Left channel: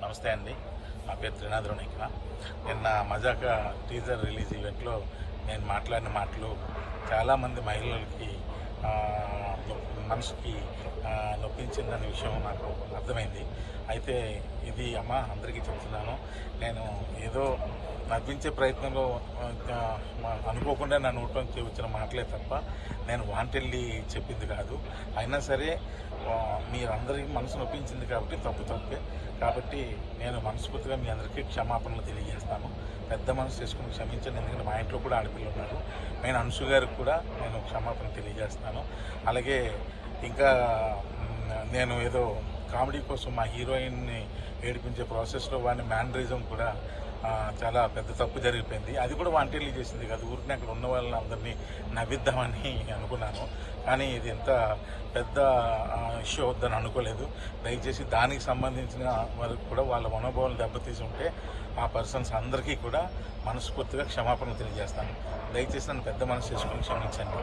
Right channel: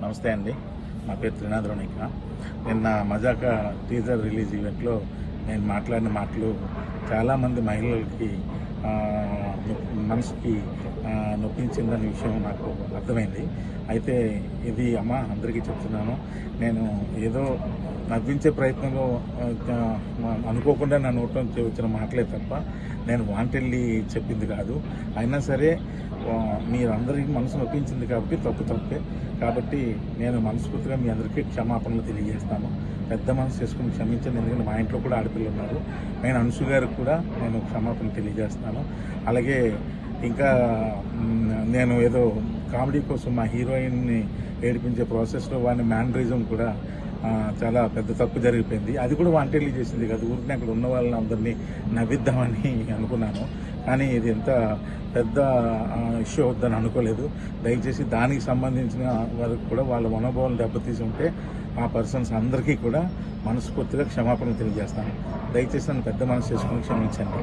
నమస్తే అండి. నా పేరు త్రినాథ్ రోనిక. నిన్న మజాకా టీజర్ రిలీజ్ ఈవెంట్లో నేను మాట్లాడిన మాటలు చాలామంది మహిళలకి మనసుకి నొప్పించిందనే విషయం నాకు అర్థమైంది. అయితే ఇది అందరికీ చెప్తున్నాను. నేను ఏదో నవ్వించే ప్రయత్నంలో అనుకోకుండా నా నోట్లో నుంచి వచ్చిన మాటలే తప్ప నేను వాంటెడ్లీ చెప్పింది కాదు. అయినా సరే మీరందరికీ మనసు నొప్పించింది కాబట్టి తప్పే. కాబట్టి నేను మనస్ఫూర్తిగా మీ అందరికీ క్షమాపణలు తెలియజేస్తాను. పెద్ద మనసు చేసుకుని క్షమించండి. ఎందుకంటే మా ఇంట్లో కూడా ఆడపిల్లలు ఉన్నారు. నేను అంశు గారికి కూడా నేను క్షమాపణ తెలియజేస్తాను. అలాగే ఇంకా నేను ఏదో కామెడీ కోసం మా హీరోయిన్ని ఏడిపించే ప్రాసెస్లో వాడిని మ్యానరిజం కూడా చాలా పెద్ద తప్పు జరిగిపోయింది. అది కూడా వాంటెడ్లీ చేసింది కదా. ఊరికి అక్కడ ఉన్న వాళ్ళని అందరినీ నవ్విద్దామని అనుకున్నాను. కానీ ఇది ఎంత పెద్ద ఇష్యూ అవుద్దని అనుకోలేదు. దయచేసి దానికి సంబంధించిన వాళ్ళకి కూడా వాళ్ళ మనోభావాలు దెబ్బతీసి ఉంటే ఆ పర్సన్స్ అందరికీ కూడా మనస్ఫూర్తిగా క్షమాపణలు తెలియజేస్తాను. దయచేసి నన్ను పెద్ద మనసు చేసుకుని క్షమించండి.